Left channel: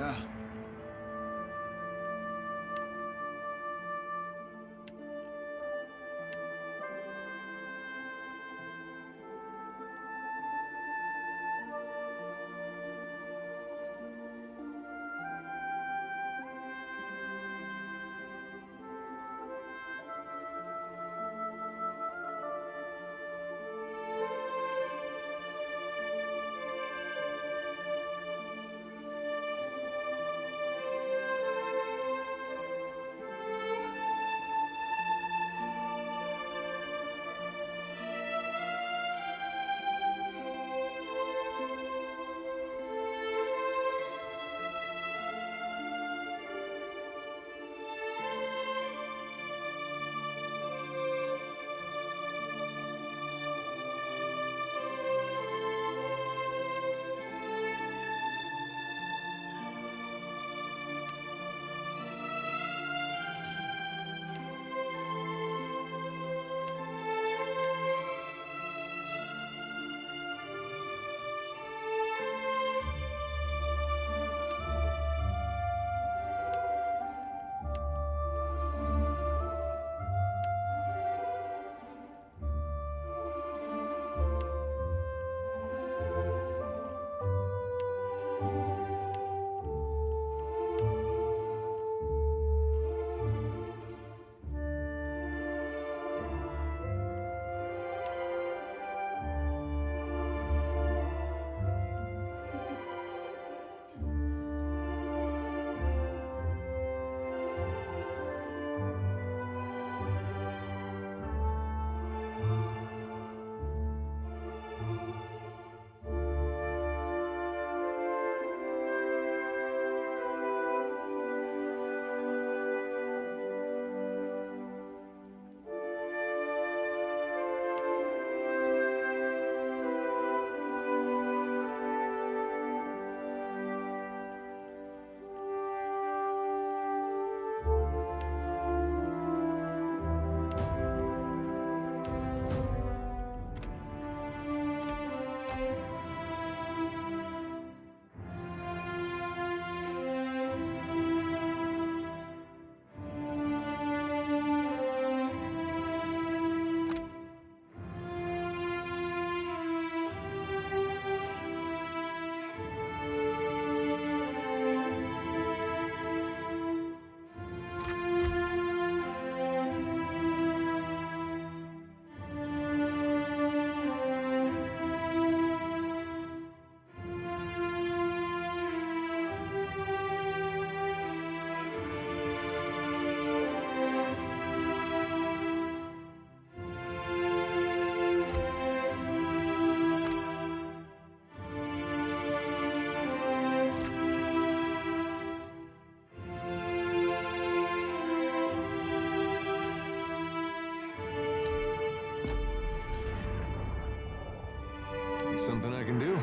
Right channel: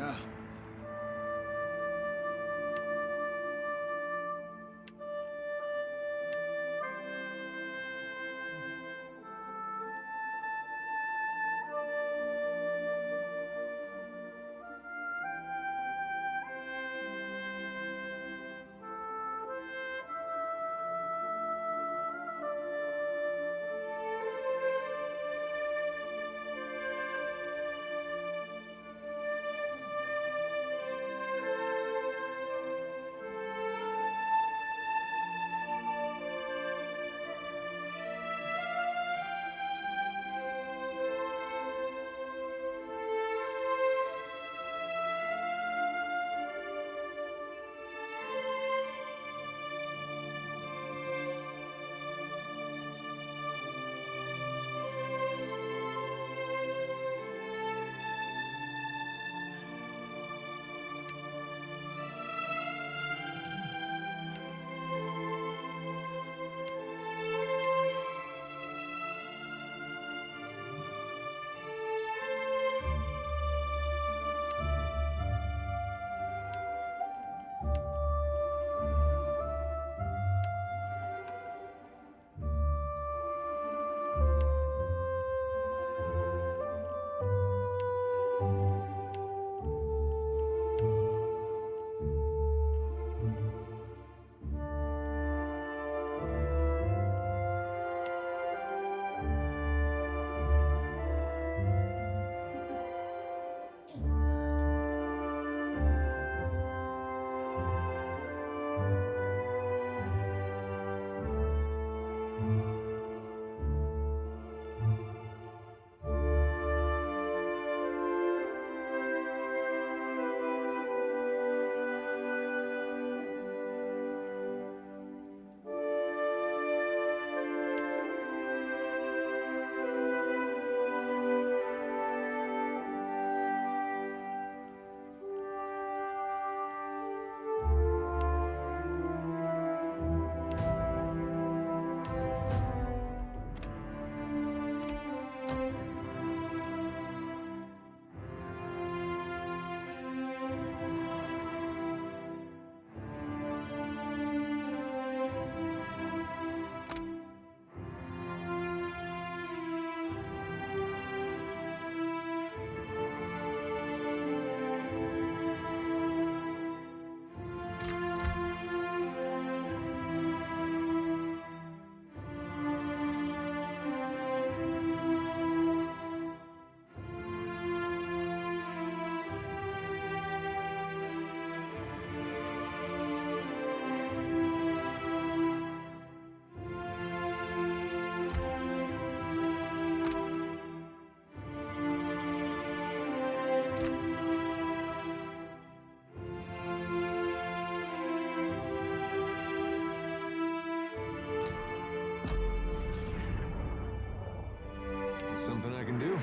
야, Something I can do?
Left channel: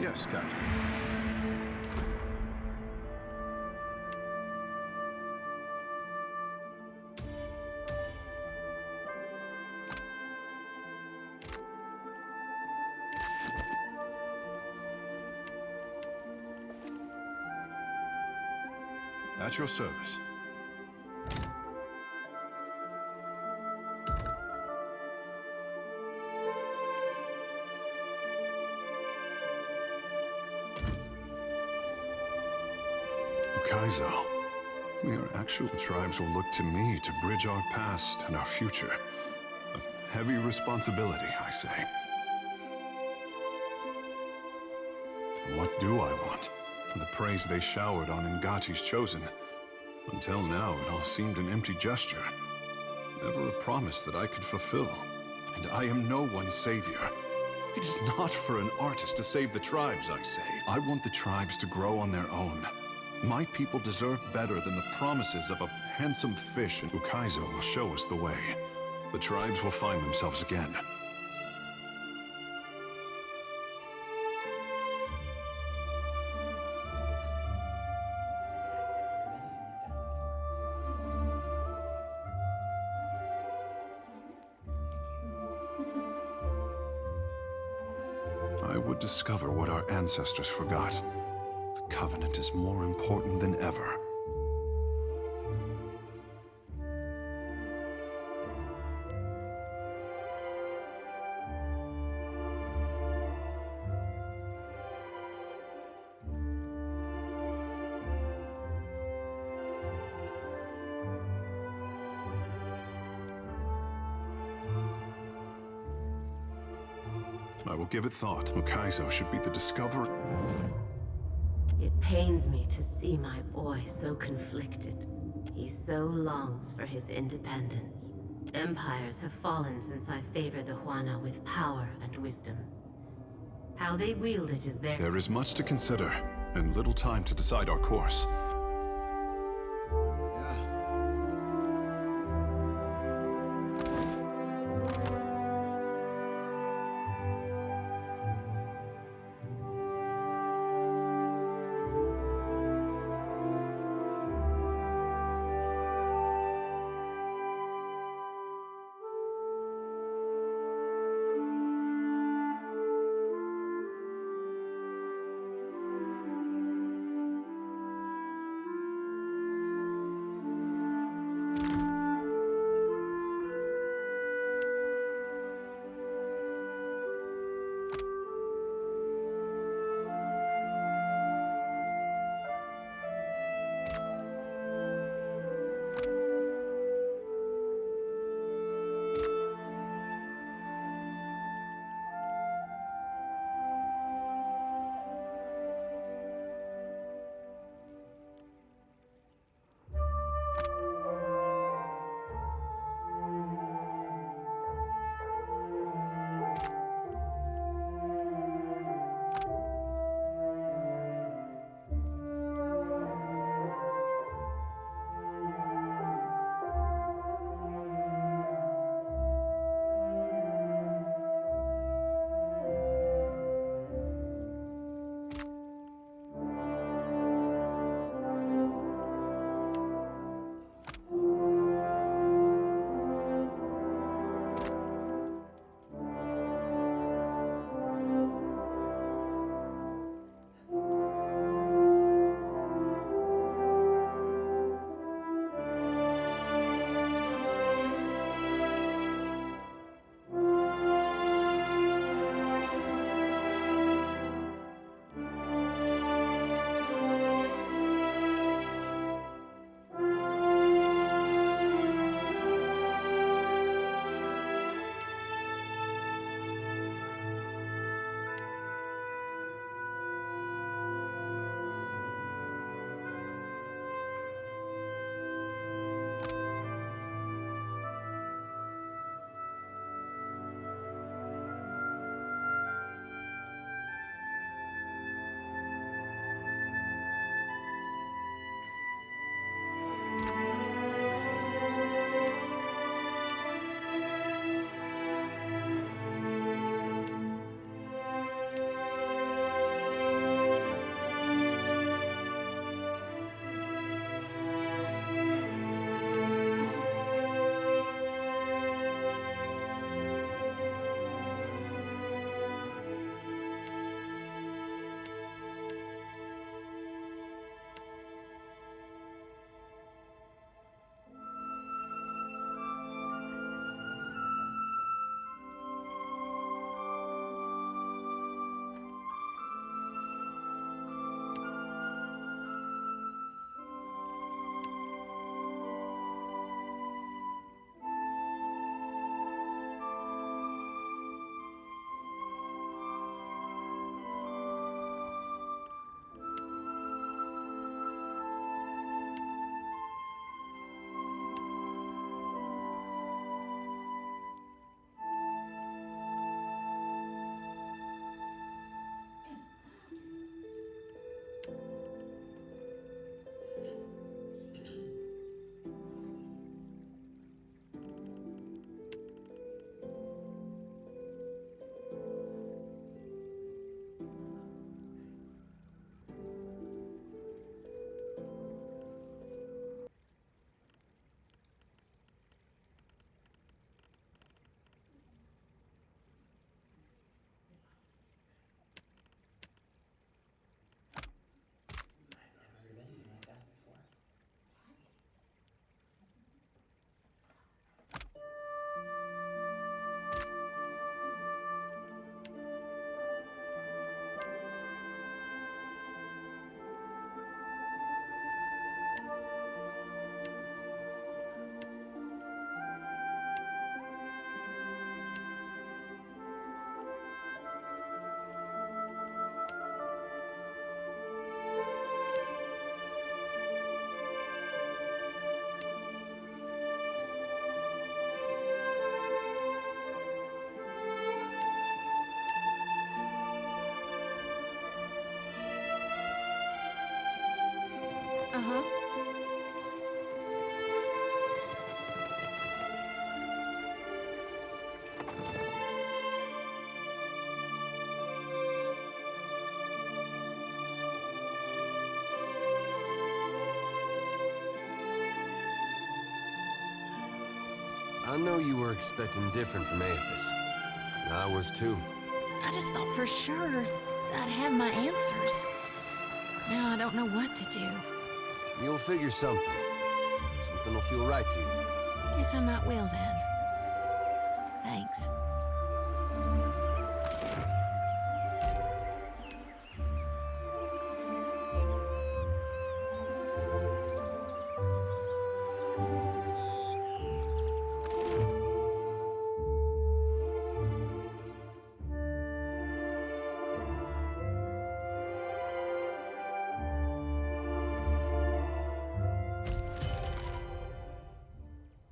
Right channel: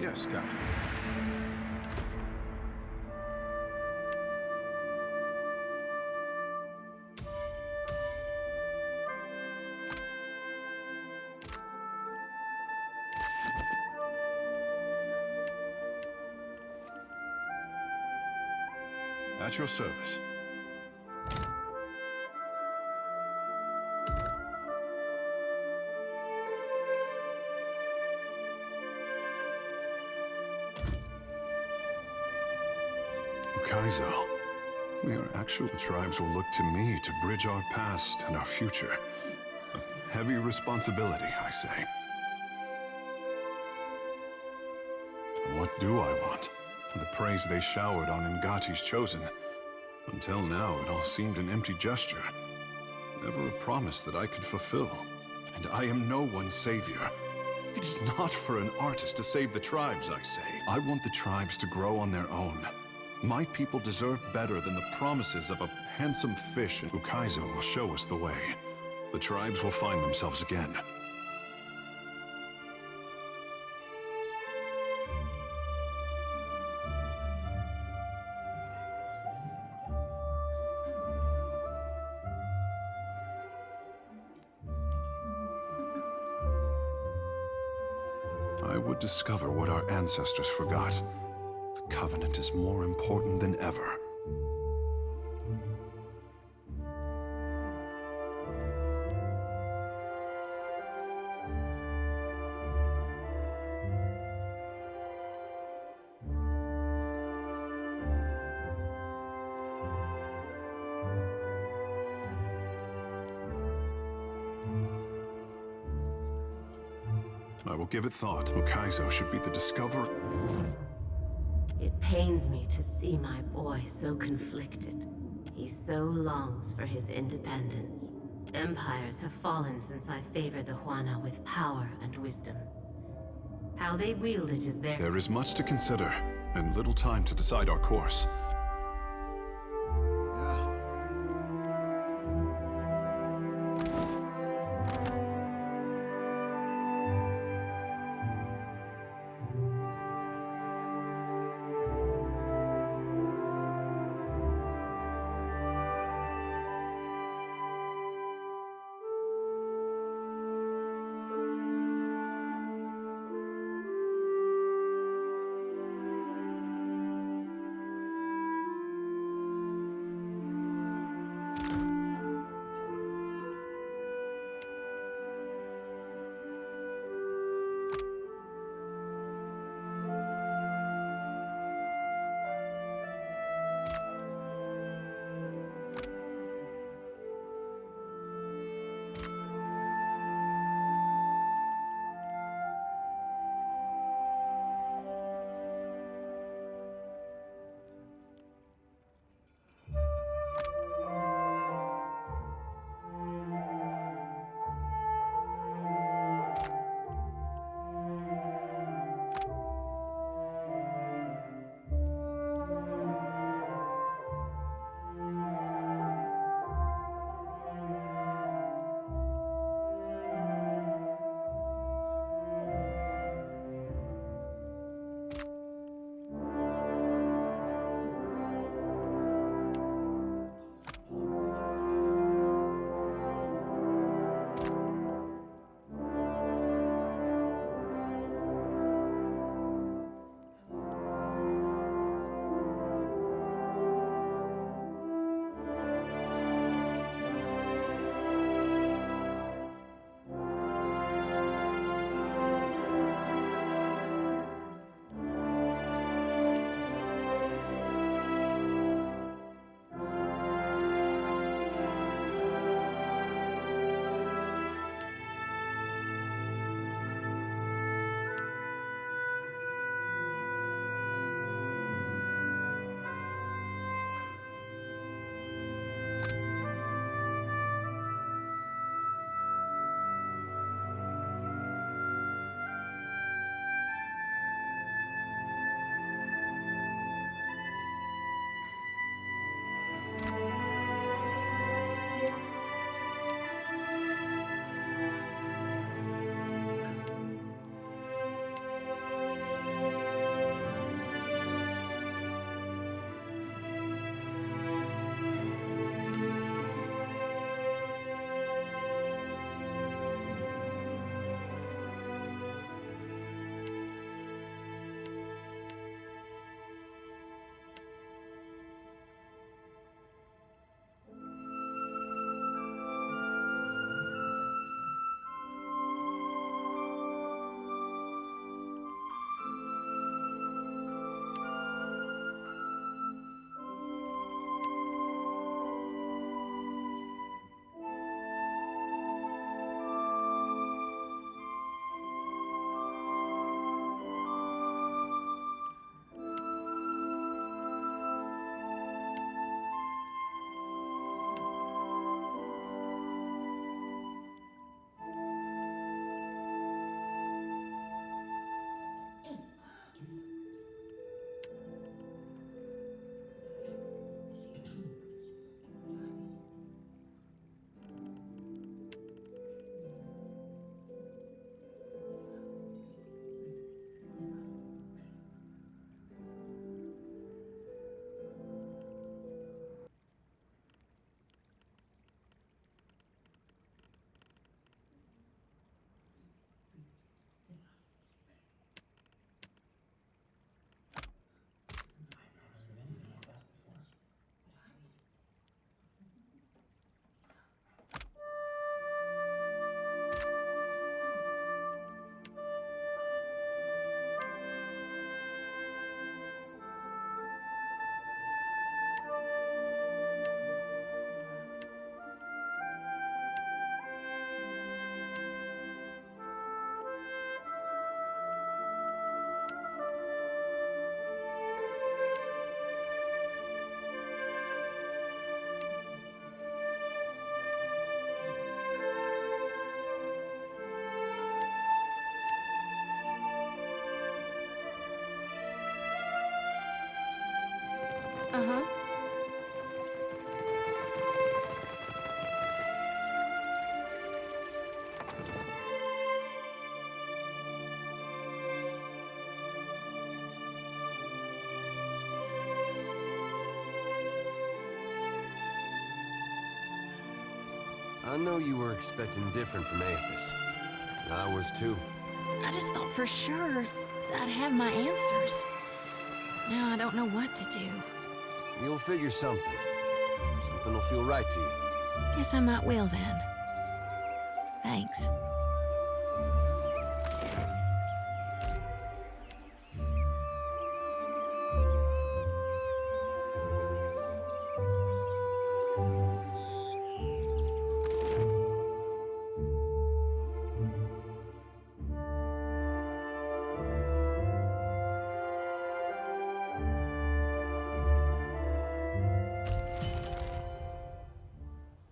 Yes, Captain. At your service. Kaizo, we are actual tribes will look to me to bridge our past and our future. A heavy responsibility, I say. What do I want? The praise they showered on Ngati's chosen. Until now, it all seemed an empty gesture. Never a promise that I could fulfill. And I am no one's savior. It is not for an artist to save the tribes, I say. I want the tribes to grow on their own. My people deserve better than the promises of a handsome fish, and Ukaizo will show us the way. The tribes will find themselves again. I would discover what our ancestors forgot. The Covenant is more important than ever. I will give it thought. Ukaizo should be the discoverer. It pains me to see my boy so conflicted. He so longs for his independence. Empires have fallen since I favored the Huana with power and wisdom. How they wield it is their— There is much to consider, and little time to decide our course. Uh-huh. I know you were expecting different from Aethys. I was too. I just thought for sure I'd have my answers. Now I don't know what to do. You'll figure something. Something will feel right to you. Guess I might will then. Thanks.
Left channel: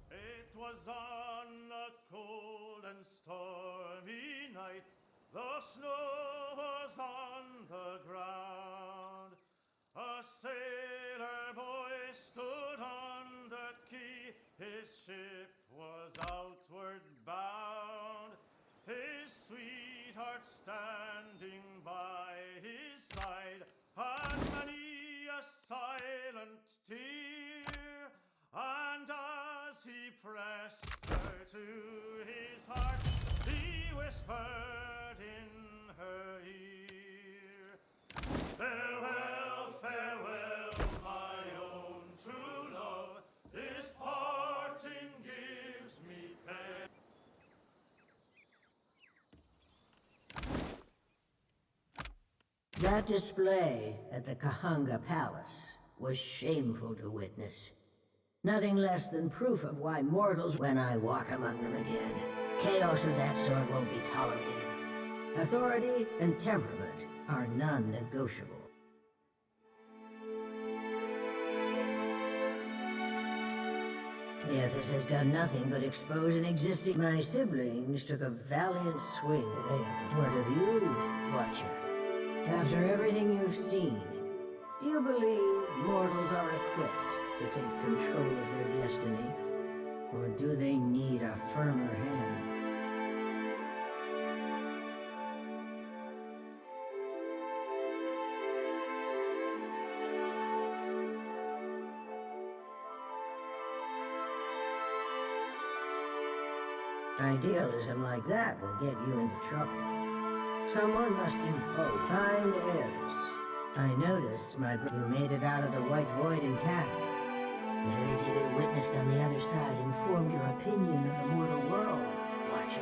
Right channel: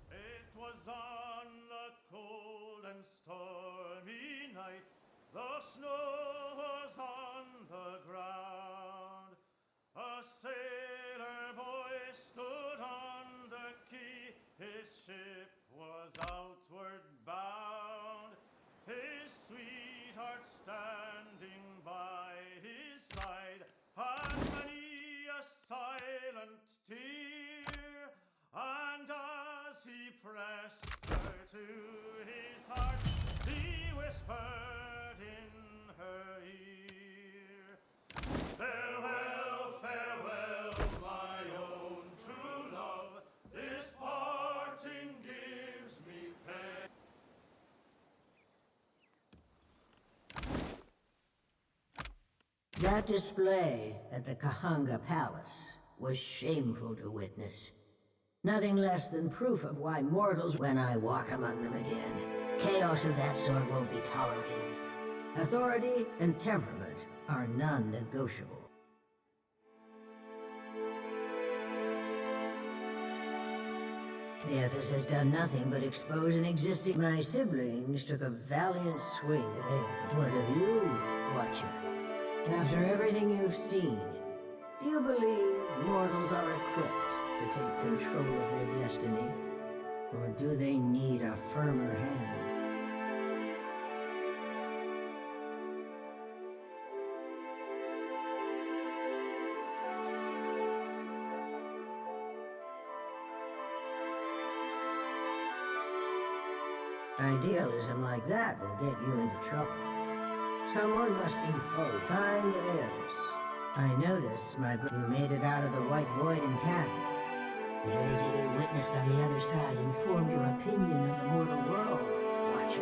It was on a cold and stormy night. The snow was on the ground. A sailor boy stood on the quay. His ship was outward bound. His sweetheart standing by his side, and many a silent tear. And as he pressed her to his heart, he whispered in her ear, "Farewell, farewell, my own true love. This parting gives me pain." That display at the Kahanga Palace was shameful to witness. Nothing less than proof of why mortals, when I walk among them again, chaos of that sort won't be tolerated. Authority and temperament are non-negotiable. Aethys has done nothing but expose an existing... My siblings took a valiant swing at Aethys. What of you, Watcher? After everything you've seen, do you believe mortals are equipped to take control of their destiny? Or do they need a firmer hand? Idealism like that will get you into trouble. Someone must impose. Find Aethys. I notice, you made it out of the White Void intact. Has anything you witnessed on the other side informed your opinion of the mortal world, Watcher?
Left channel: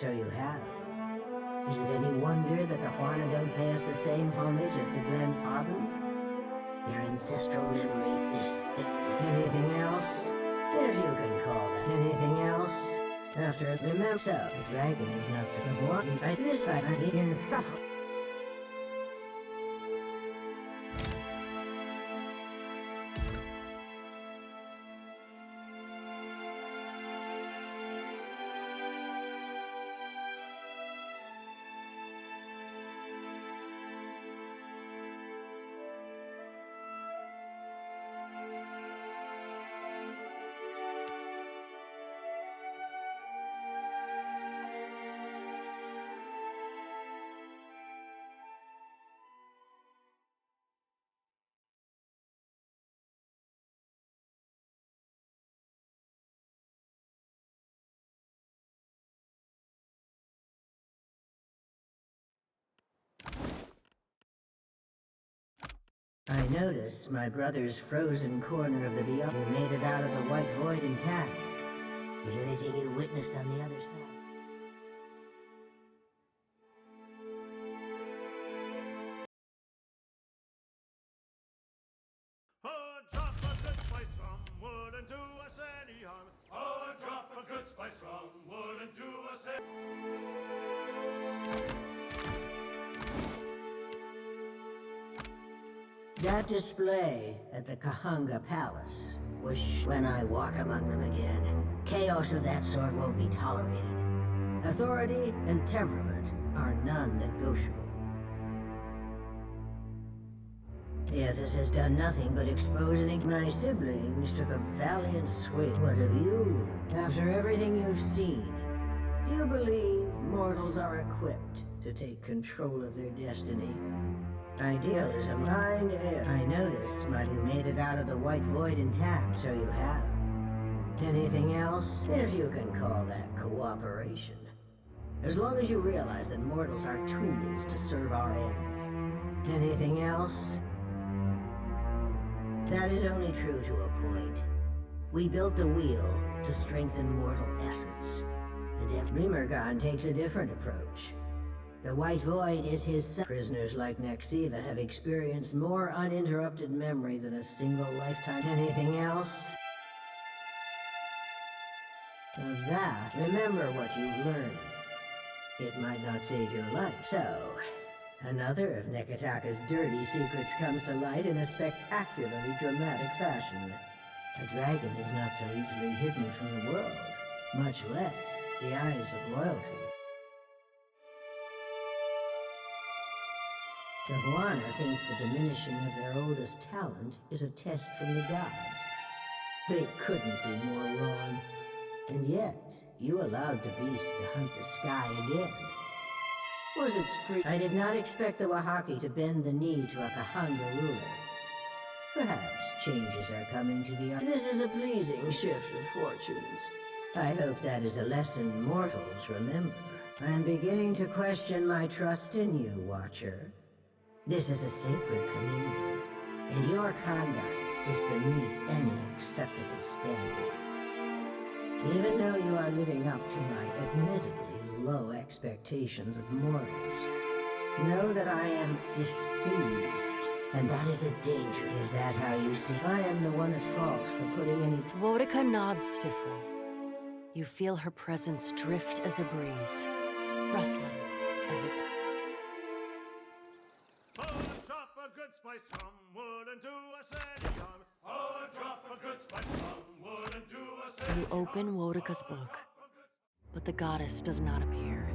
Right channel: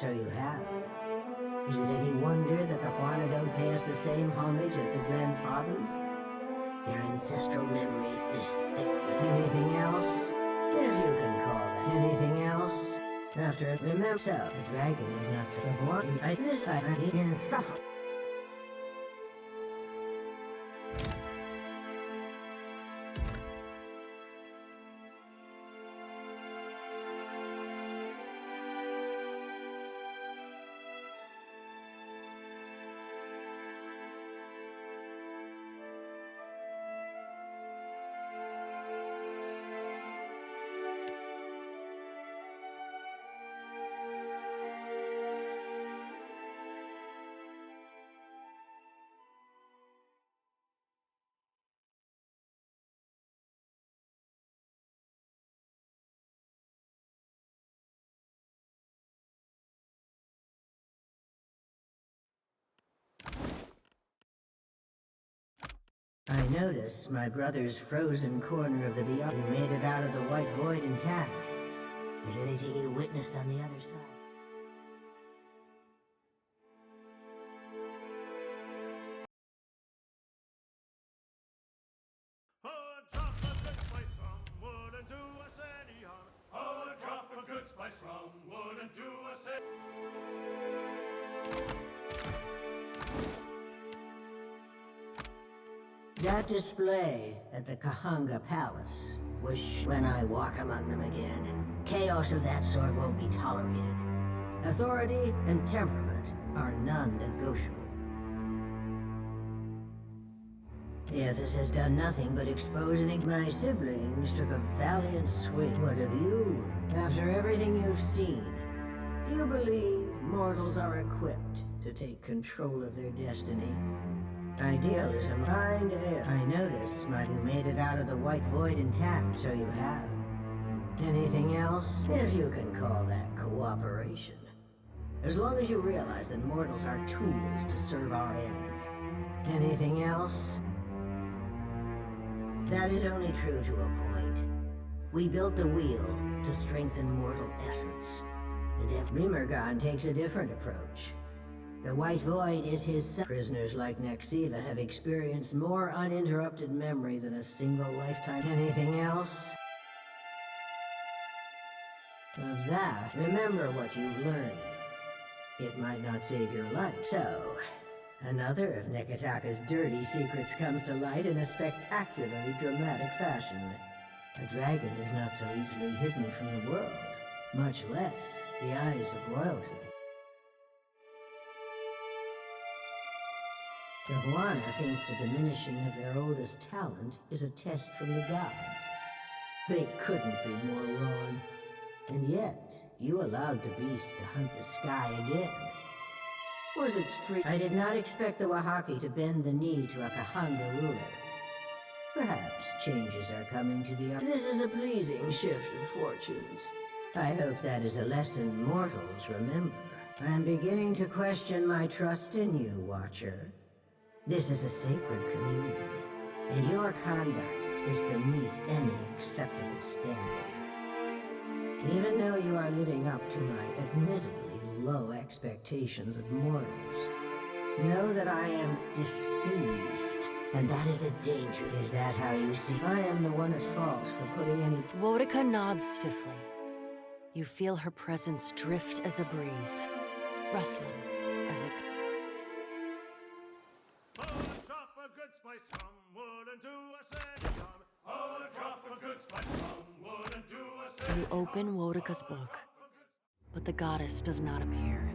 So you have. Is it any wonder that the Huana don't pay us the same homage as the Glenfathans? Their ancestral memory is thick with anything else? If you can call that anything else. After it, remember, so the dragon is not so one. This fight insufferable. I notice my brother's frozen corner of the beyond. You made it out of the White Void intact. Is anything you witnessed on the other side? Oh, drop a good spice from wouldn't do us any harm. Oh, drop a good spice from wouldn't do us any... That display at the Kahanga Palace was when I walk among them again. Chaos of that sort won't be tolerated. Authority and temperament are non-negotiable. Aethys has done nothing but expose any. My siblings took a valiant swing. What of you? After everything you've seen, do you believe mortals are equipped to take control of their destiny? Idealism, kind air. I notice, you made it out of the White Void intact, so you have. Anything else? If you can call that cooperation. As long as you realize that mortals are tools to serve our ends. Anything else? That is only true to a point. We built the wheel to strengthen mortal essence. And if Remergon takes a different approach. The White Void is his son. Prisoners like Nexiva have experienced more uninterrupted memory than a single lifetime. Anything else? Of that, remember what you've learned. It might not save your life. So, another of Nekataka's dirty secrets comes to light in a spectacularly dramatic fashion. A dragon is not so easily hidden from the world, much less the eyes of royalty. The Huana thinks the diminishing of their oldest talent is a test from the gods. They couldn't be more wrong. And yet, you allowed the beast to hunt the sky again. Was its free? I did not expect the Wahaki to bend the knee to a Kahanga ruler. Perhaps changes are coming to the... This is a pleasing shift of fortunes. I hope that is a lesson mortals remember. I am beginning to question my trust in you, Watcher. This is a sacred communion, and your conduct is beneath any acceptable standard. Even though you are living up to my admittedly low expectations of mortals, know that I am displeased, and that is a danger. Is that how you see? I am the one at fault for putting any... Wodika nods stiffly. You feel her presence drift as a breeze, rustling as it... Drop a good spice from wood into a sandy arm. Oh, drop a good spice from wood into a sandy You open Wodika's book, but the goddess does not appear.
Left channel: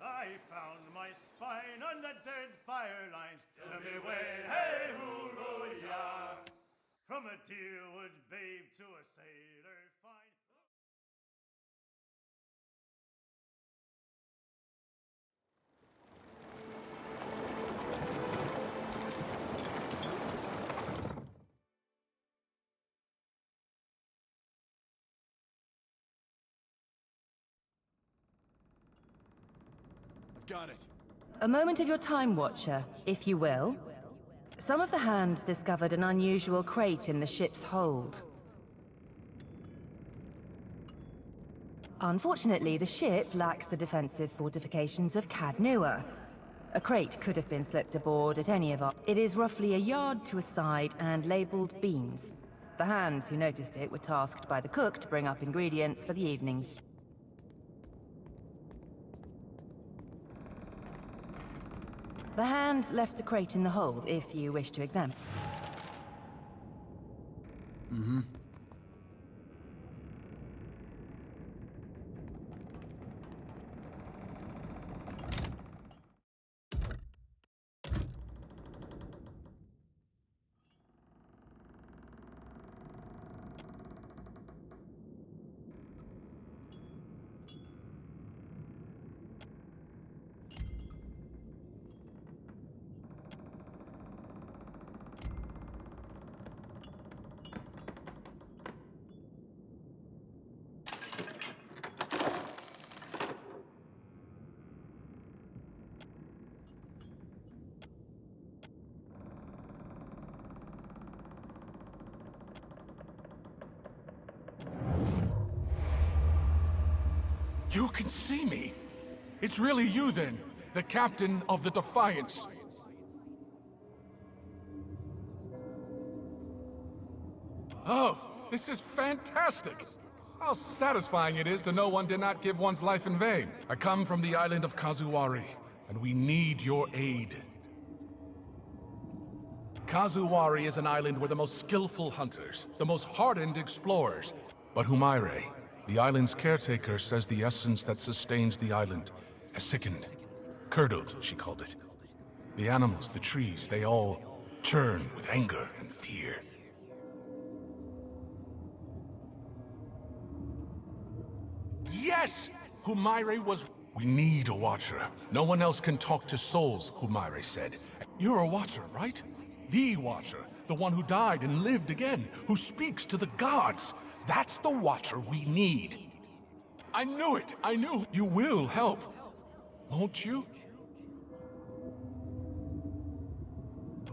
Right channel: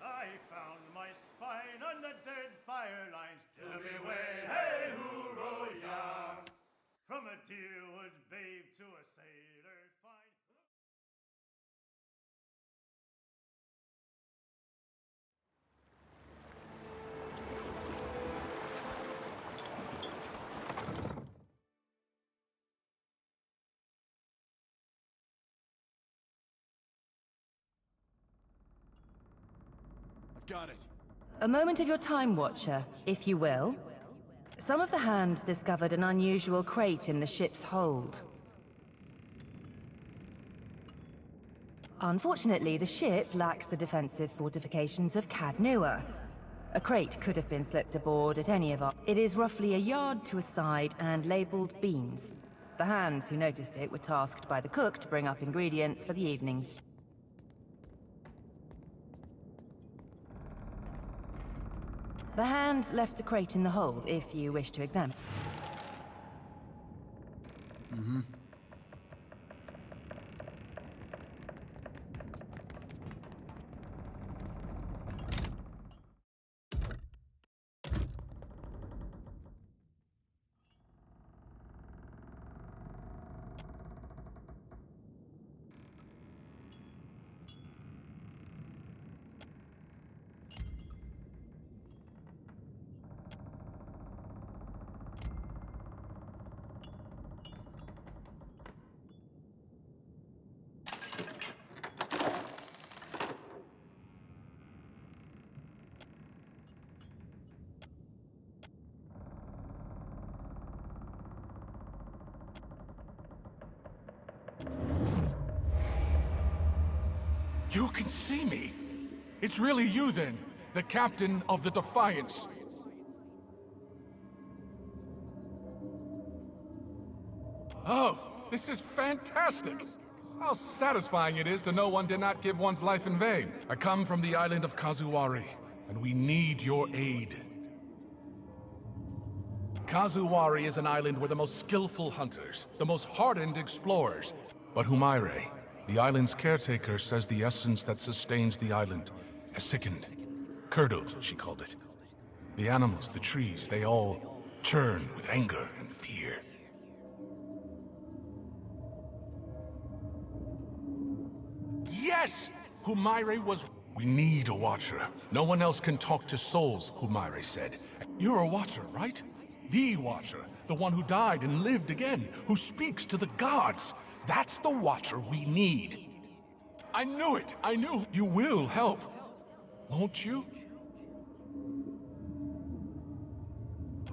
I found my spine on the dead fire lines. Tell me where, hey, hoo-ro-ya. From a deerwood babe to a sailor fine. Got it. A moment of your time, Watcher, if you will. Some of the hands discovered an unusual crate in the ship's hold. Unfortunately, the ship lacks the defensive fortifications of Cadnua. A crate could have been slipped aboard at any of our... It is roughly a yard to a side and labeled beans. The hands who noticed it were tasked by the cook to bring up ingredients for the evening's... The hand left the crate in the hold, if you wish to examine. You can see me! It's really you then, the captain of the Defiance. Oh, this is fantastic! How satisfying it is to know one did not give one's life in vain. I come from the island of Kazuwari, and we need your aid. Kazuwari is an island where the most skillful hunters, the most hardened explorers, but Humaire The island's caretaker says the essence that sustains the island has sickened. Curdled, she called it. The animals, the trees, they all churn with anger and fear. Yes! Humaire was... We need a watcher. No one else can talk to souls, Humaire said. You're a watcher, right? The watcher. The one who died and lived again. Who speaks to the gods. That's the watcher we need. I knew it! I knew you will help. Won't you?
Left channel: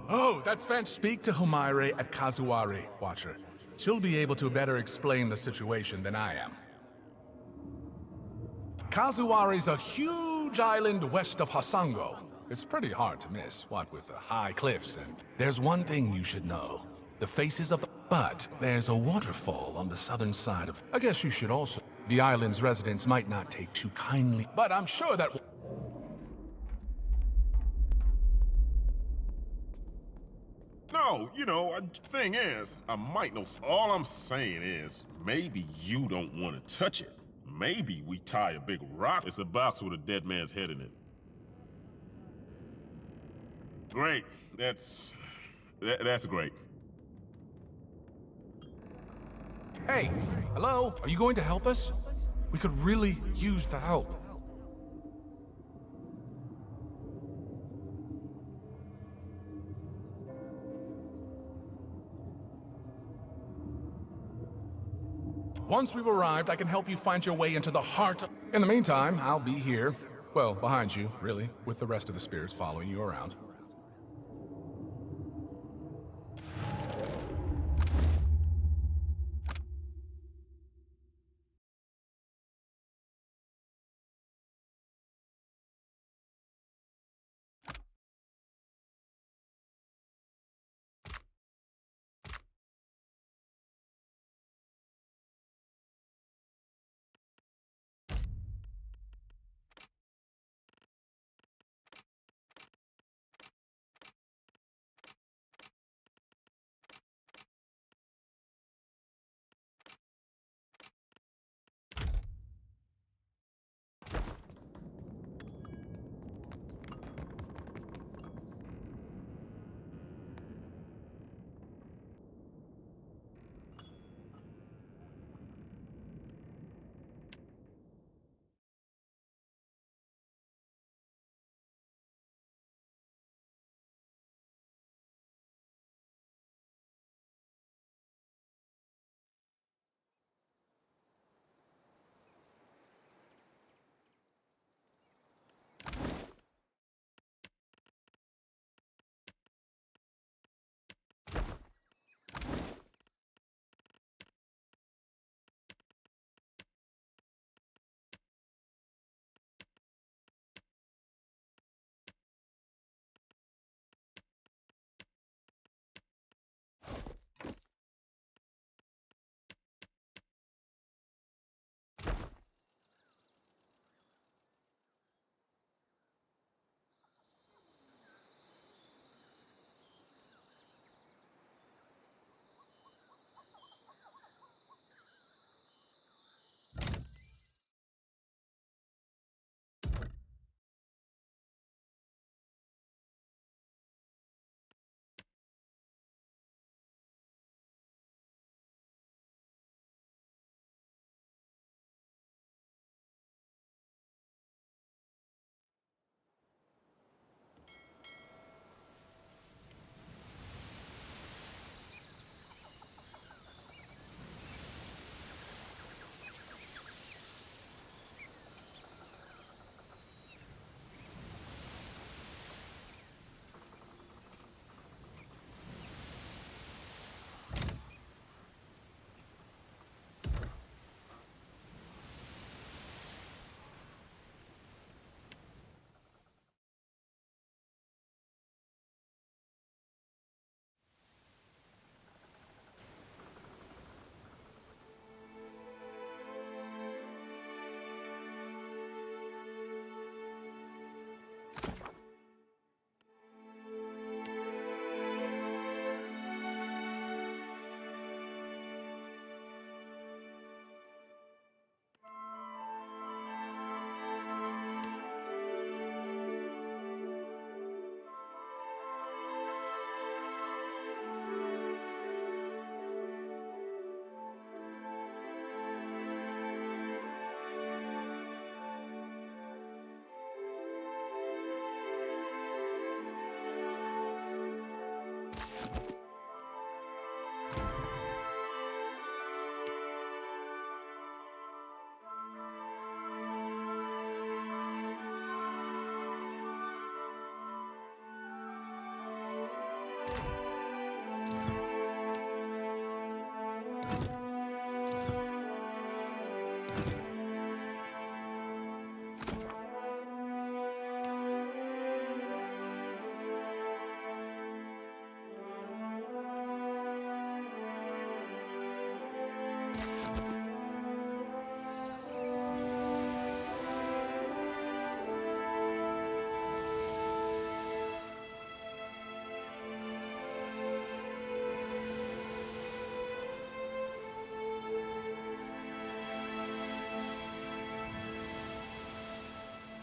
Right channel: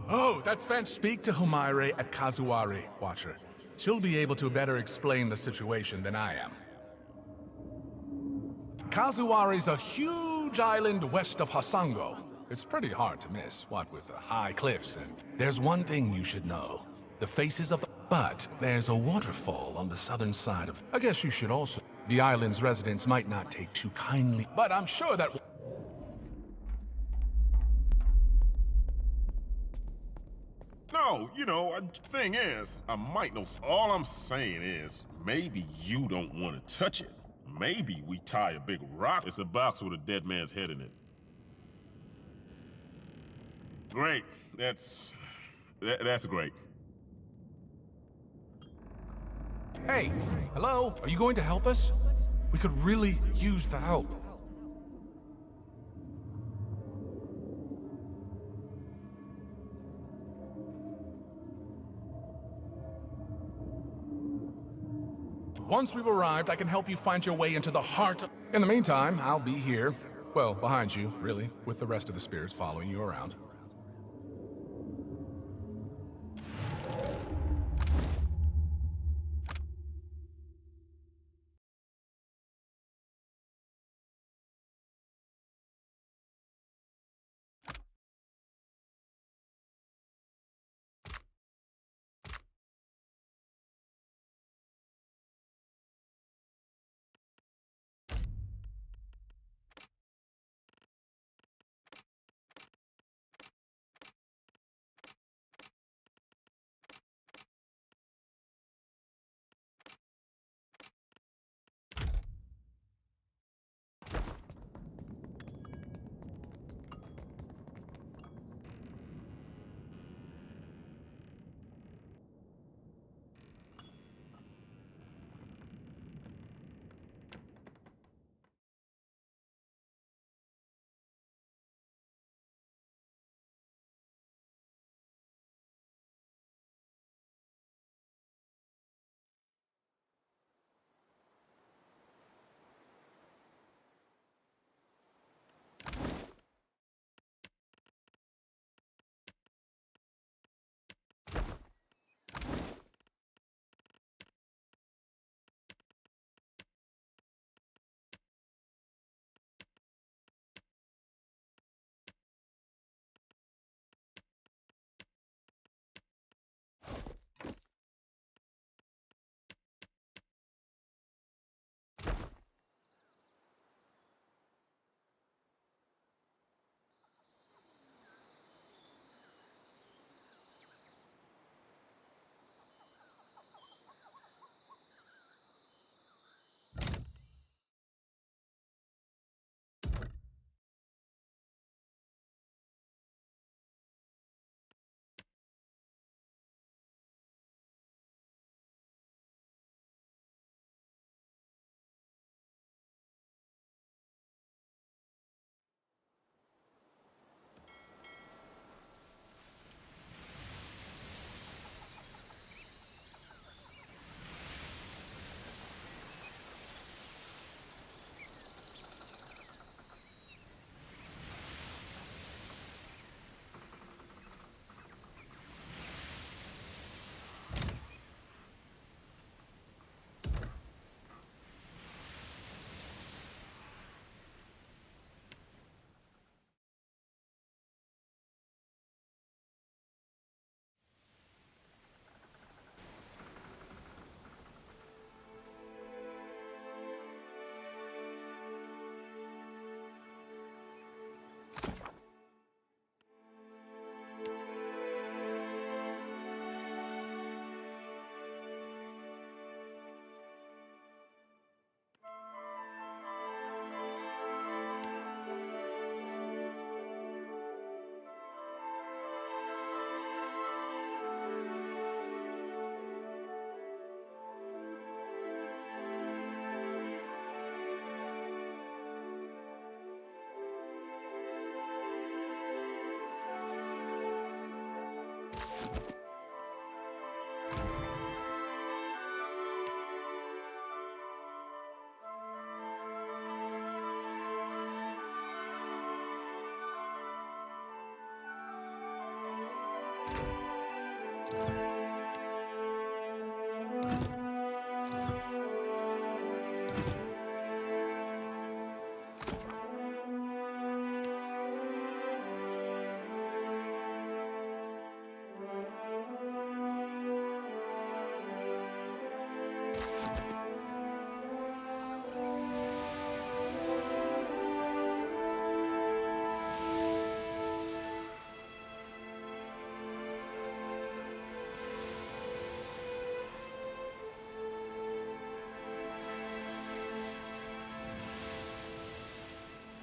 Oh, that's fantastic. Speak to Humaire at Kazuari, Watcher. She'll be able to better explain the situation than I am. Kazuari's a huge island west of Hasango. It's pretty hard to miss, what with the high cliffs and... There's one thing you should know. The faces of the... But there's a waterfall on the southern side of... I guess you should also... The island's residents might not take too kindly, but I'm sure that... No, you know, thing is, I might know. All I'm saying is, maybe you don't want to touch it. Maybe we tie a big rock. It's a box with a dead man's head in it. Great. That's great. Hey, hello? Are you going to help us? We could really use the help. Once we've arrived, I can help you find your way into the heart of... In the meantime, I'll be here. Well, behind you, really, with the rest of the spirits following you around.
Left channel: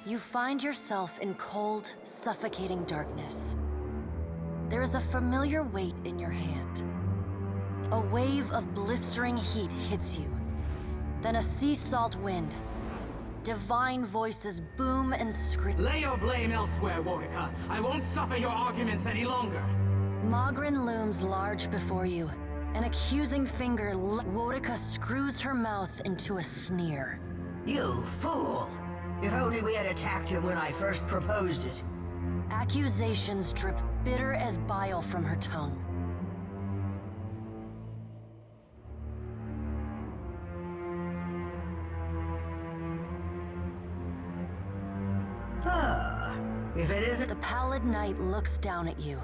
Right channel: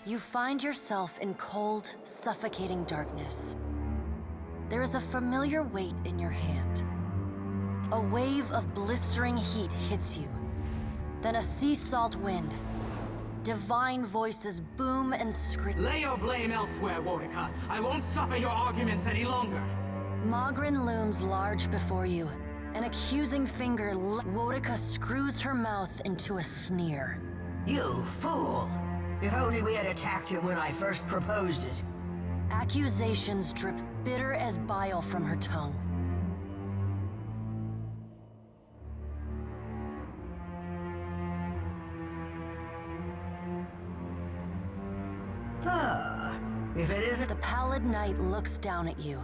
You find yourself in cold, suffocating darkness. There is a familiar weight in your hand. A wave of blistering heat hits you. Then a sea salt wind. Divine voices boom and scream. Lay your blame elsewhere, Wodika. I won't suffer your arguments any longer. Mogren looms large before you. An accusing finger, Wodika screws her mouth into a sneer. You fool! If only we had attacked him when I first proposed it. Accusations drip bitter as bile from her tongue. If it isn't... The pallid knight looks down at you.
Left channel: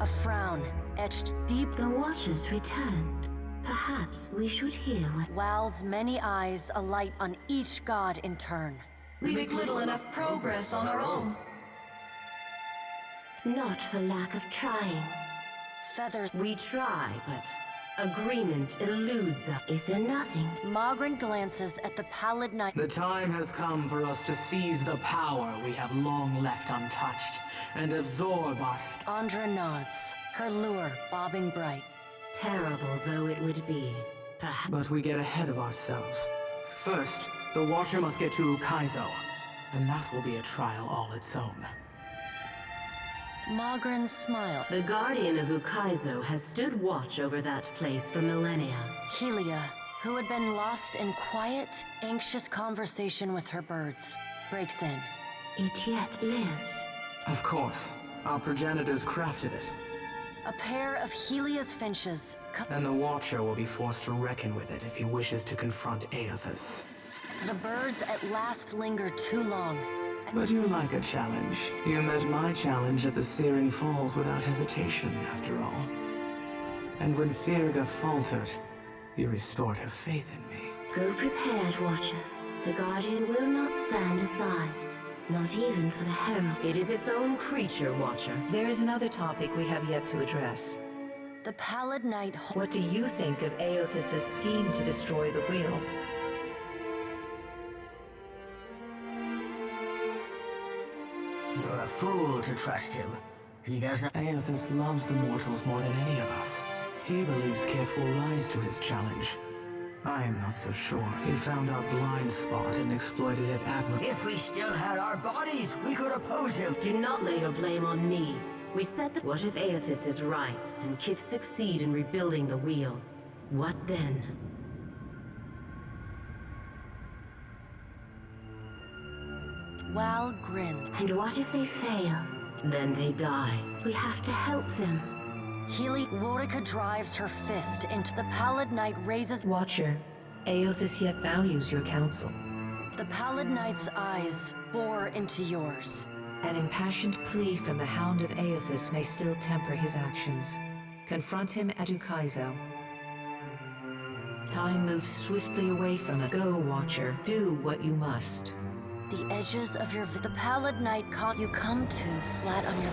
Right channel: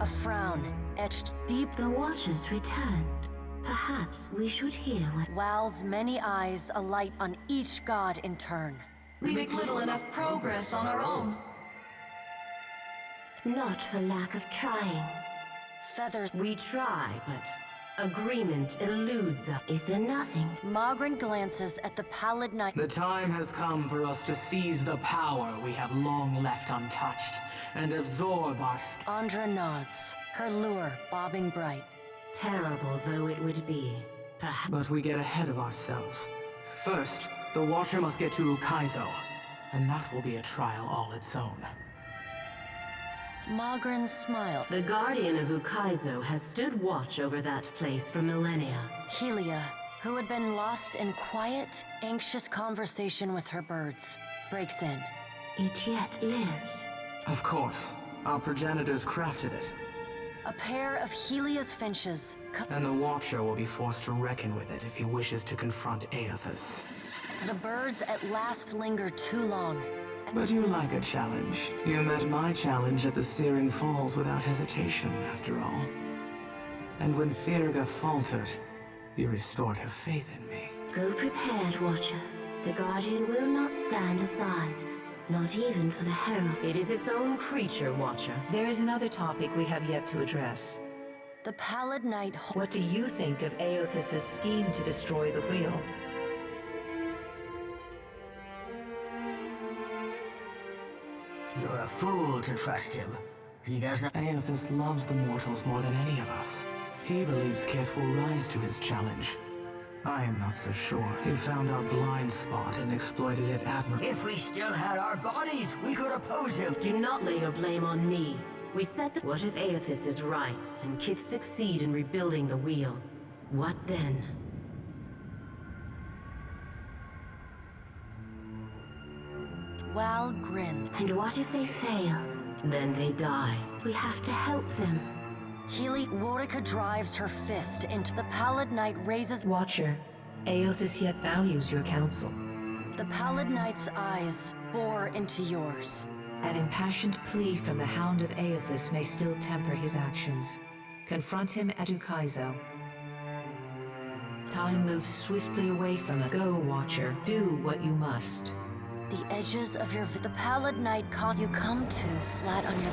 A frown etched deep. The Watchers returned. Perhaps we should hear what... Wal's many eyes alight on each god in turn. We make little enough progress on our own. Not for lack of trying. Feathers. We try, but agreement eludes us. Is there nothing? Mogren glances at the pallid knight. The time has come for us to seize the power we have long left untouched and absorb our... Andra nods, her lure bobbing bright. Terrible though it would be. Perhaps. But we get ahead of ourselves. First, the Watcher must get to Ukaizo, and that will be a trial all its own. Mogren smiled. The Guardian of Ukaizo has stood watch over that place for millennia. Helia, who had been lost in quiet, anxious conversation with her birds, breaks in. It yet lives. Of course. Our progenitors crafted it. A pair of Helia's finches. And the Watcher will be forced to reckon with it if he wishes to confront Aethys. The birds at last linger too long. But you like a challenge. You met my challenge at the Searing Falls without hesitation, after all. And when Firga faltered, you restored her faith in me. Go prepared, Watcher. The Guardian will not stand aside. Not even for the Herald. It is its own creature, Watcher. There is another topic we have yet to address. The pallid knight... What do you think of Aethys' scheme to destroy the wheel? You're a fool to trust him. He doesn't... Aethys loves the mortals more than any of us. He believes Kith will rise to his challenge. I am not so sure. He found our blind spot and exploited it admirably. If we still had our bodies, we could oppose him. Do not lay your blame on me. We set the... What if Aethys is right, and Kith succeed in rebuilding the wheel? What then? Wal grinned. And what if they fail? Then they die. We have to help them. Wodika drives her fist into the pallid knight raises... Watcher, Aethys yet values your counsel. The pallid knight's eyes bore into yours. An impassioned plea from the Hound of Aethys may still temper his actions. Confront him at Ukaizo. Time moves swiftly away from us. Go, Watcher. Do what you must. The edges of your... The pallid knight caught you come to flat on your...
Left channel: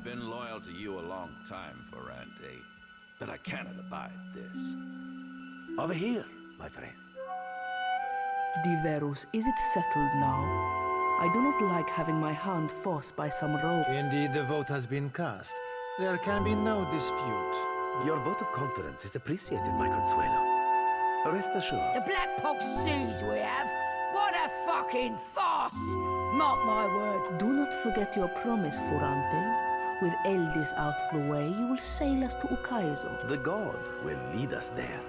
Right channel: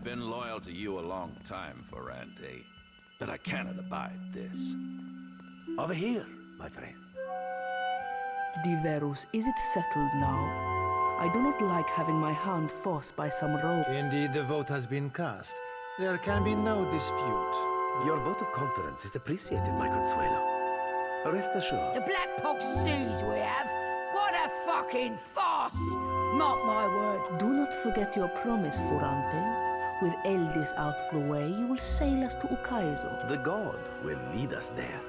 have been loyal to you a long time, Ferrante, but I cannot abide this. Over here, my friend. Diverus, is it settled now? I do not like having my hand forced by some rogue. Indeed, the vote has been cast. There can be no dispute. Your vote of confidence is appreciated, my Consuelo. Rest assured. The Black Pox siege we have? What a fucking farce! Mark my word. Do not forget your promise, Ferrante. With Eldis out of the way, you will sail us to Ukaizo. The god will lead us there.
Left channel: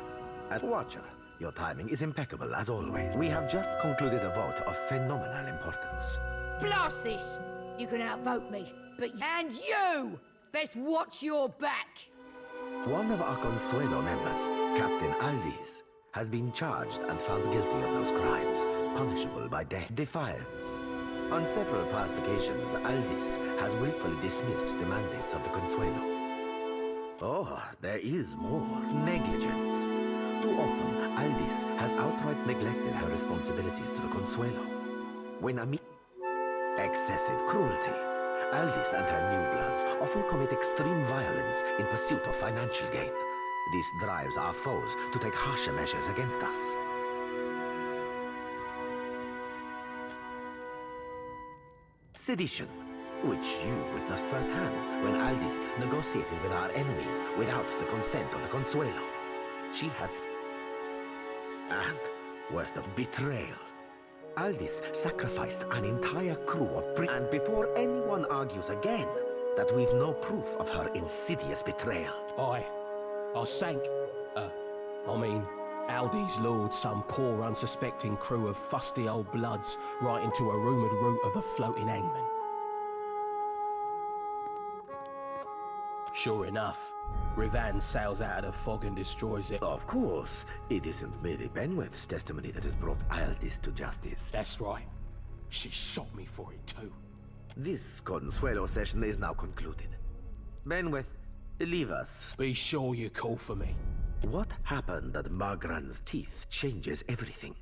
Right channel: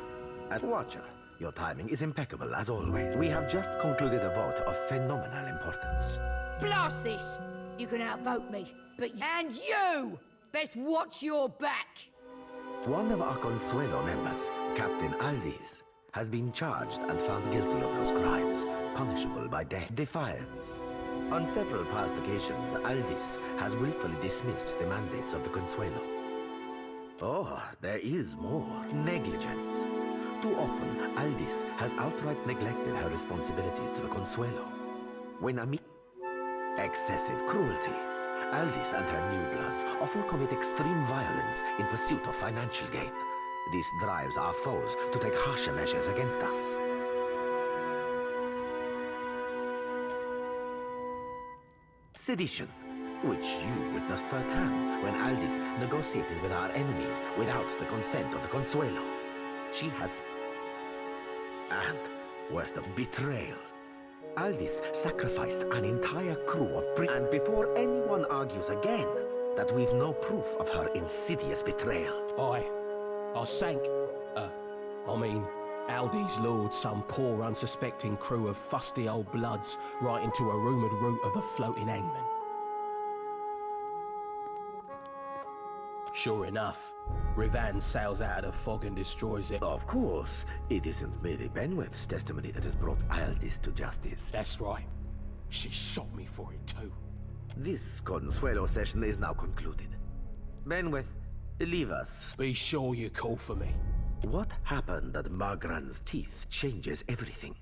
At Watcher, your timing is impeccable as always. We have just concluded a vote of phenomenal importance. Blast this! You can outvote me, but and you best watch your back. One of our Consuelo members, Captain Aldis, has been charged and found guilty of those crimes, punishable by death. Defiance. On several past occasions, Aldis has willfully dismissed the mandates of the Consuelo. Oh, there is more. Negligence. Too often, Aldis has outright neglected her responsibilities to the Consuelo. When excessive cruelty. Aldis and her new bloods often commit extreme violence in pursuit of financial gain. This drives our foes to take harsher measures against us. Sedition, which you witnessed firsthand when Aldis negotiated with our enemies without the consent of the Consuelo. She has... And, worst of betrayal. Aldis sacrificed an entire crew of and before anyone argues again that we've no proof of her insidious betrayal. I sank, Aldis lured some poor unsuspecting crew of fusty old bloods right into a rumoured route of a floating hangman. Sure enough, Rivan sails out of the fog and destroys it. Of course, it isn't merely Benweth's testimony that has brought Aldis to justice. That's right. She shot me for it too. This Consuelo session is now concluded. Benweth, leave us. Be sure you call for me. What happened at Margran's teeth changes everything.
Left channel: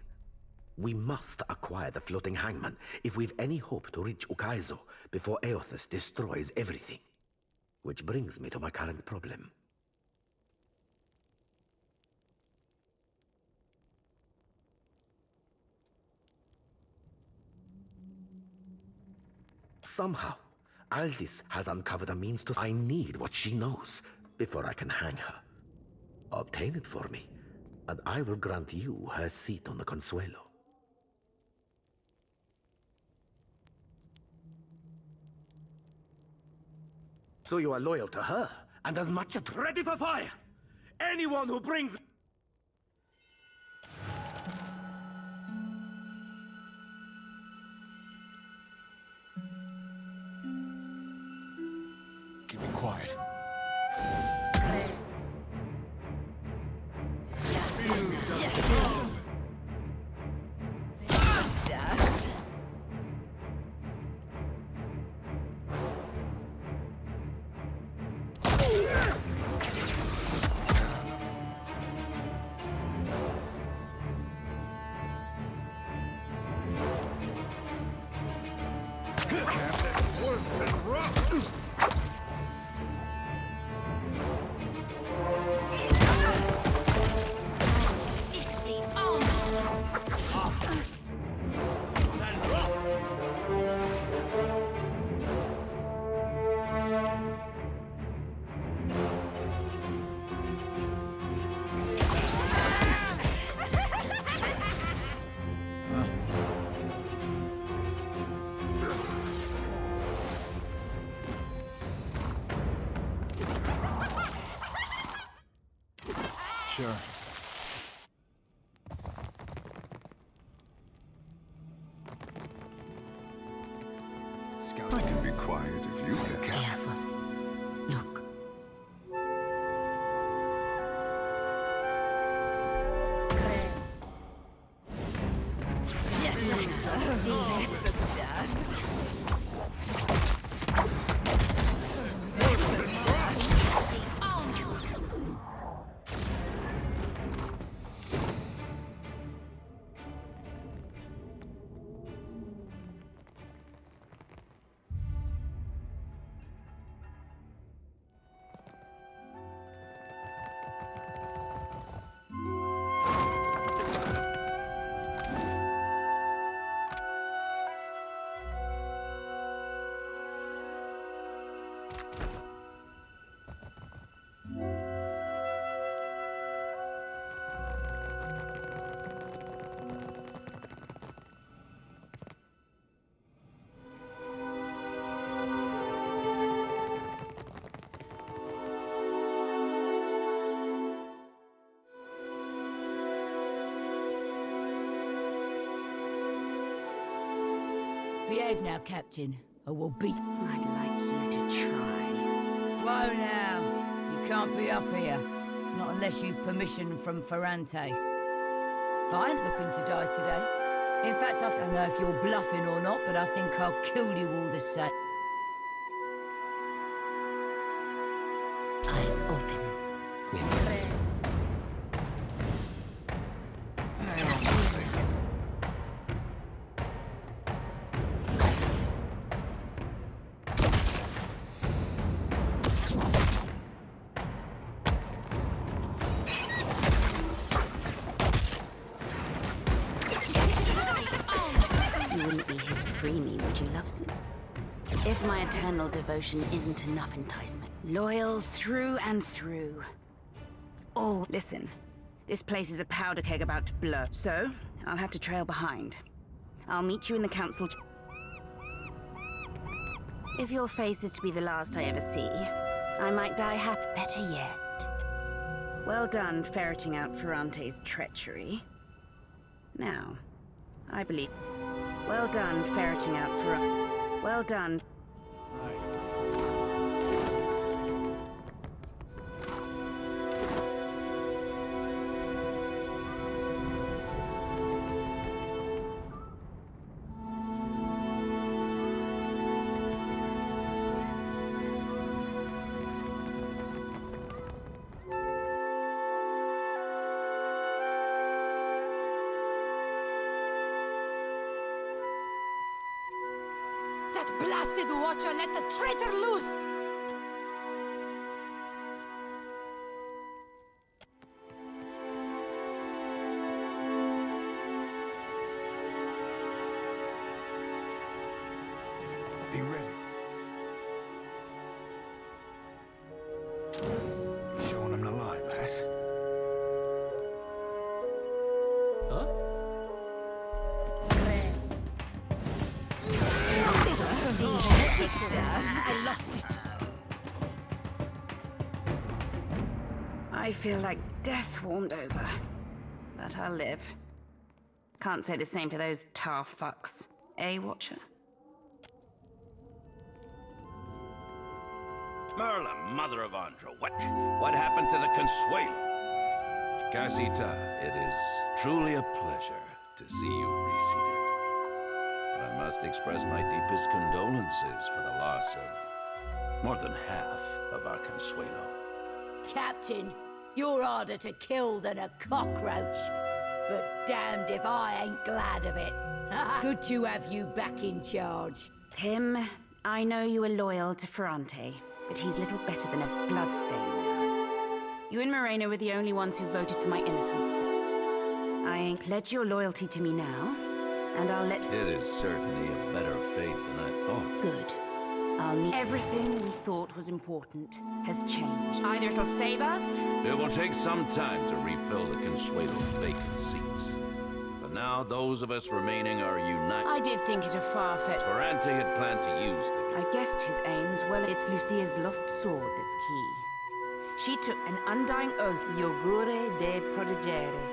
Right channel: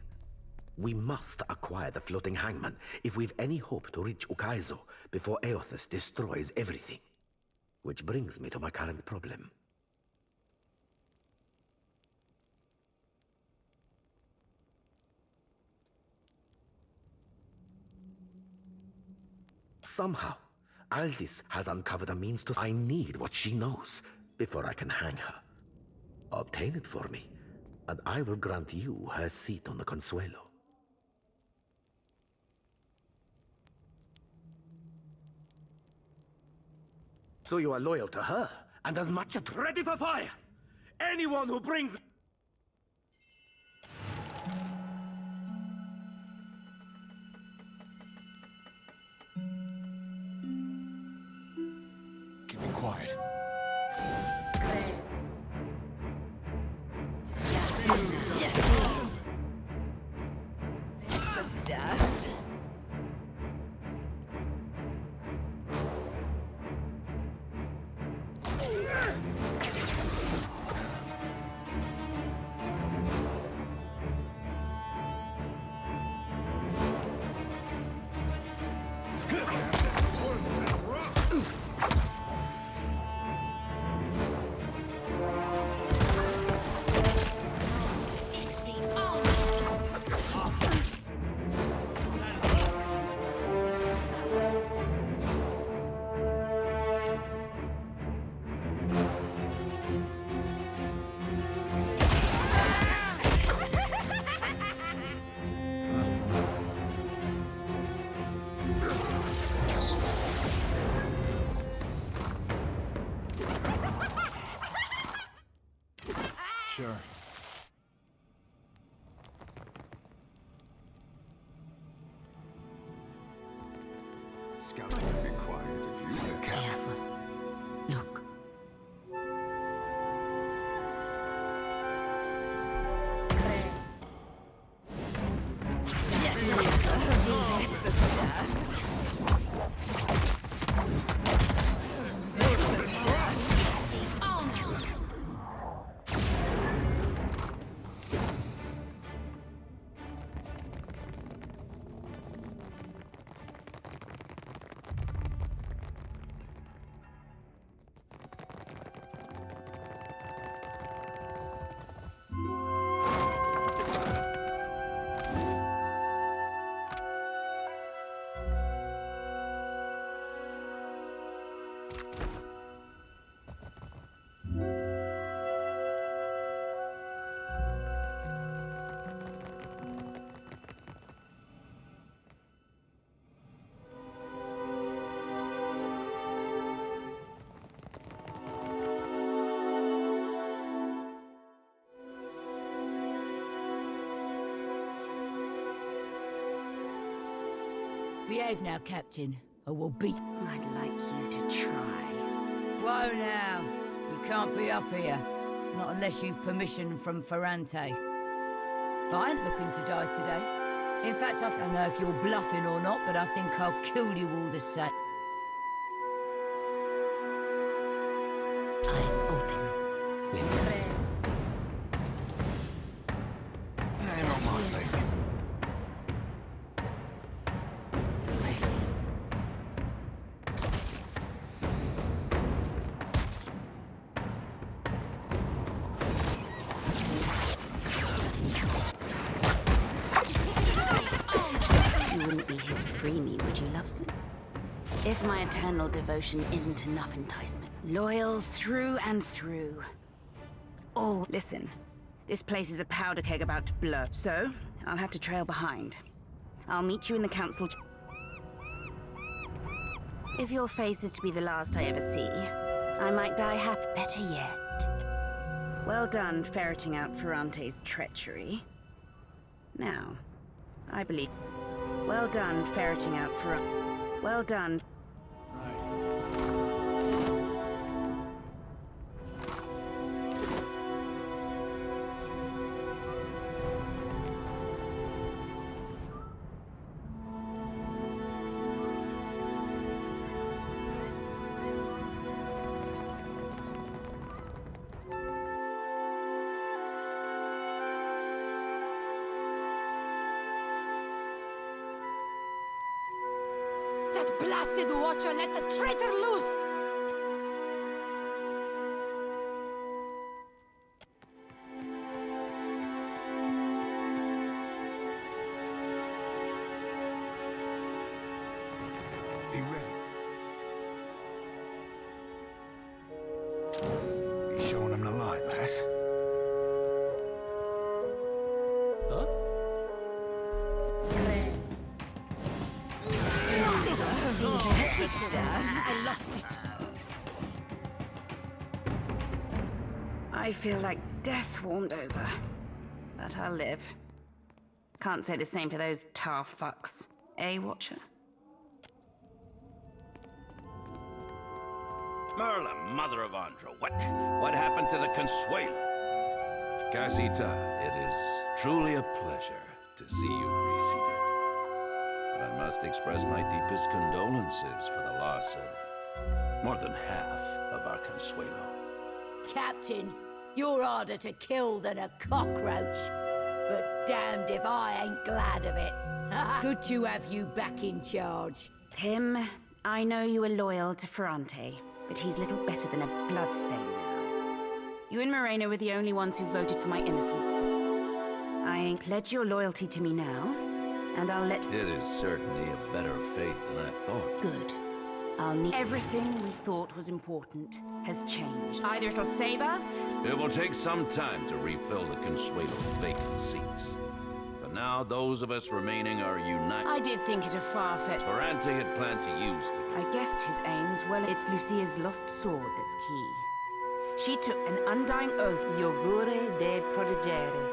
We must acquire the floating hangman if we've any hope to reach Ukaizo before Eothas destroys everything. Which brings me to my current problem. Somehow, Aldis has uncovered a means to... I need what she knows before I can hang her. Obtain it for me, and I will grant you her seat on the Consuelo. So you are loyal to her, and as much as ready for fire! Anyone who brings... Keep it quiet. Sure. Scout, I can be quiet if you can. Careful. Look. Behave now, Captain, or we'll beat... I'd like you to try. Whoa now. You can't be up here. Not unless you've permission from Ferrante. I ain't looking to die today. In fact, I don't know if you're bluffing or not, but I think I'll kill you all the same. Eyes open. You wouldn't be here to free me, would you, Loveson? If my eternal devotion isn't enough enticement. Loyal through and through. Oh, listen. This place is a powder keg about to blow, so I'll have to trail behind. I'll meet you in the council. If your face is to be the last I ever see, I might die happy. Better yet. Well done ferreting out Ferrante's treachery. Now, I believe... Well done ferreting out Ferrante. Well done. That blasted watcher let the traitor loose! Be ready. You showing them the light, lass? Huh? I lost it. I feel like death swarmed over. But I'll live. Can't say the same for those tar fucks. Eh, Watcher? Merla, mother of Andro, what happened to the Consuelo? Casita, it is truly a pleasure to see you reseated. But I must express my deepest condolences for the loss of more than half of our Consuelo. Captain, you're harder to kill than a cockroach. But damned if I ain't glad of it. Good to have you back in charge. Pym, I know you are loyal to Ferrante, but he's little better than a bloodstain now. You and Moreno were the only ones who voted for my innocence. I ain't pledged your loyalty to me now, and I'll let... It is certainly a better fate than I thought. Good. I'll need... Everything we thought was important has changed. Either it'll save us... It will take some time to refill the Consuelo's vacant seats. For now, those of us remaining are united. I did think it a far-fetched... Ferrante had planned to use the... I guessed his aims well. It's Lucia's lost sword that's key. She took an undying oath. Iogure de protegere.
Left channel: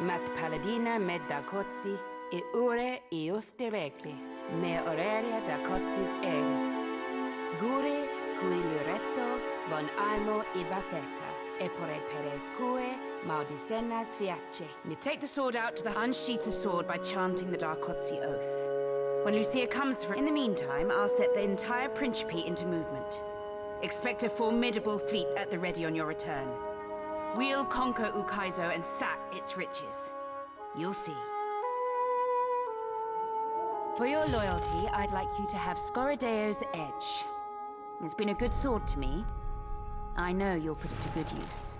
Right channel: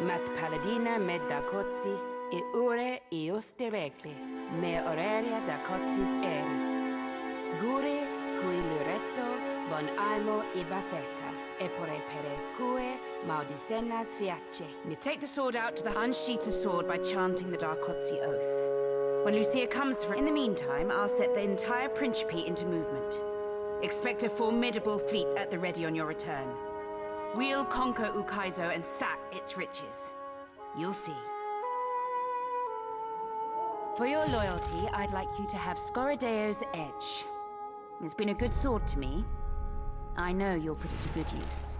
Mat paladina med da cozzi, e ure ioste recle. Me aurelia da cozzis ere. Gure cui luretto bon aimo ibafeta, e pore pere cue maudicenas fiace. Me take the sword out to the unsheath the sword by chanting the Darkotzi oath. When Lucia comes for... In the meantime, I'll set the entire Principe into movement. Expect a formidable fleet at the ready on your return. We'll conquer Ukaizo and sack its riches. You'll see. For your loyalty, I'd like you to have Scoradeo's Edge. It's been a good sword to me. I know you'll put it to good use.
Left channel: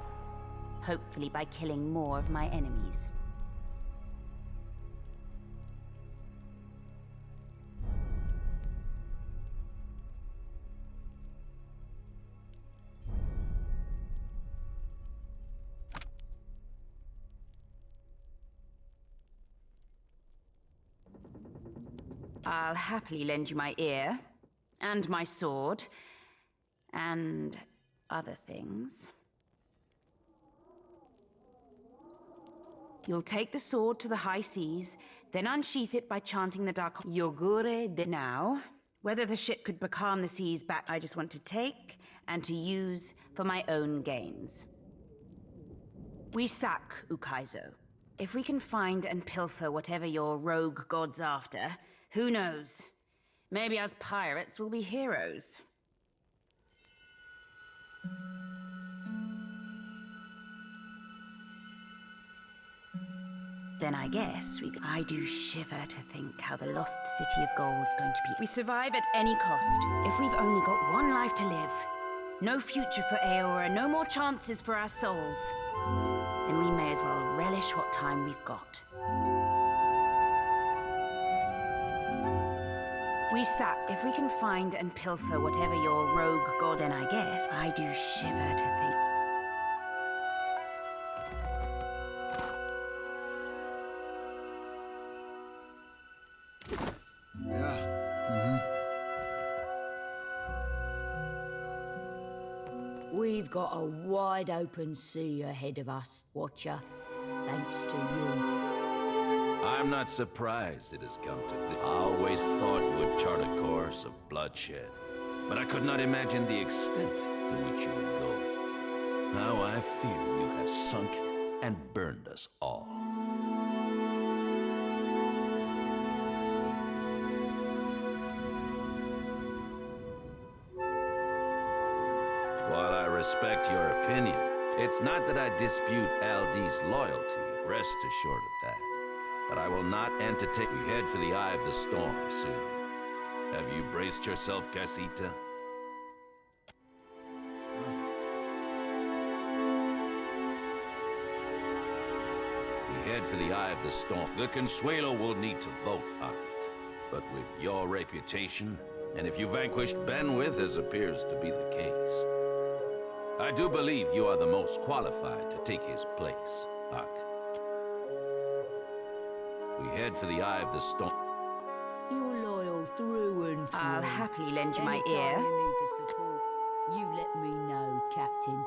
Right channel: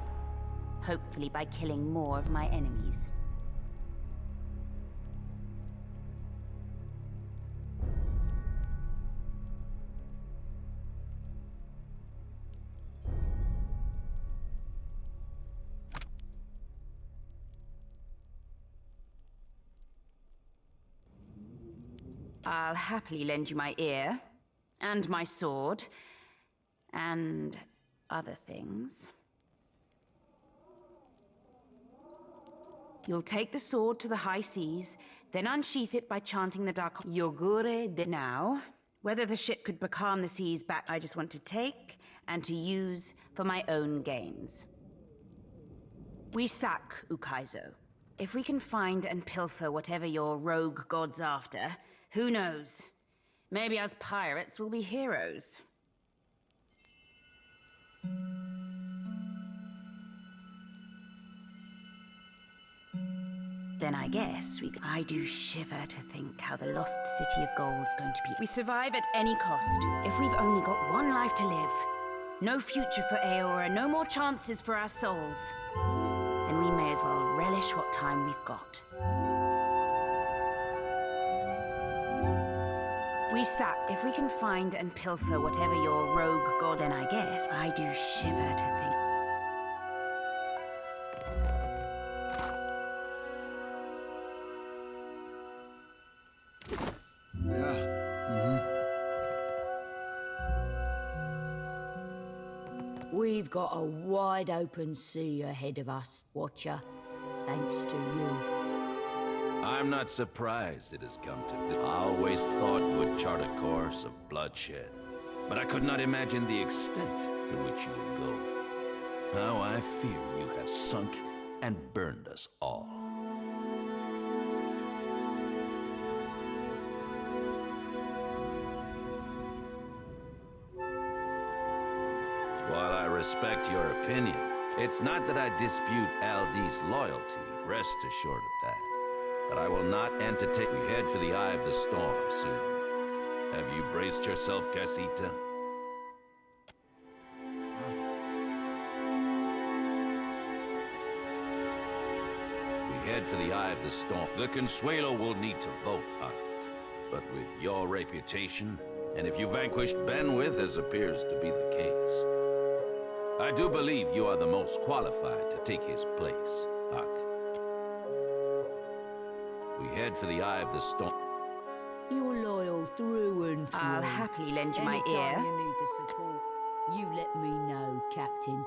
Hopefully by killing more of my enemies. I'll happily lend you my ear, and my sword, and other things. You'll take the sword to the high seas, then unsheath it by chanting the dark Yogure de. Now, whether the ship could becalm the seas back, I just want to take and to use for my own gains. We sack Ukaizo. If we can find and pilfer whatever your rogue god's after, who knows? Maybe us pirates will be heroes. Then I guess I do shiver to think how the lost city of gold's going to be. We survive at any cost. If we've only got one life to live, no future for Aora, no more chances for our souls, then we may as well relish what time we've got. We sack. If we can find and pilfer whatever your rogue god, then I guess I do shiver to think. We've got a wide open sea ahead of us, Watcher, thanks to you. I'm not surprised it has come to this. I always thought you would chart a course of bloodshed, but I could not imagine the extent to which you would go. Now I fear you have sunk and burned us all. While I respect your opinion, it's not that I dispute Aldi's loyalty, rest assured of that. But I will not entertain. We head for the eye of the storm soon. Have you braced yourself, Casita? We head for the eye of the storm. The Consuelo will need to vote on it. But with your reputation, and if you vanquished Benwith, as appears to be the case, I do believe you are the most qualified to take his place, Ak. We head for the eye of the storm. You're loyal through and through. I'll happily lend you my Anytime ear. you need the support, you let me know, Captain.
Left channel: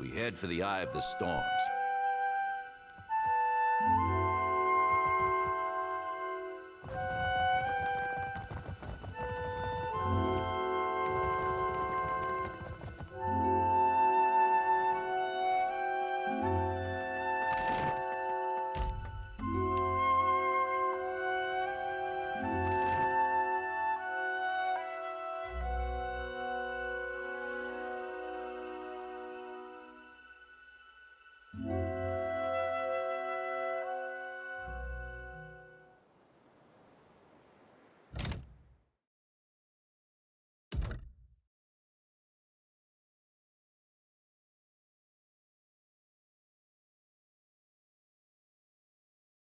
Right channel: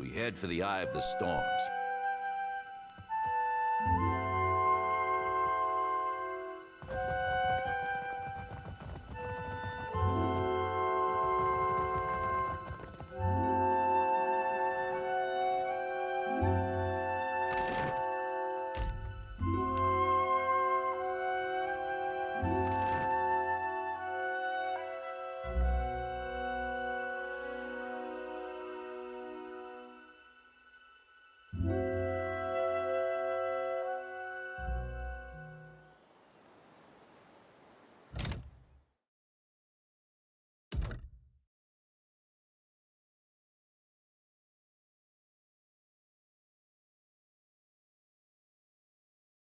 We head for the eye of the storms.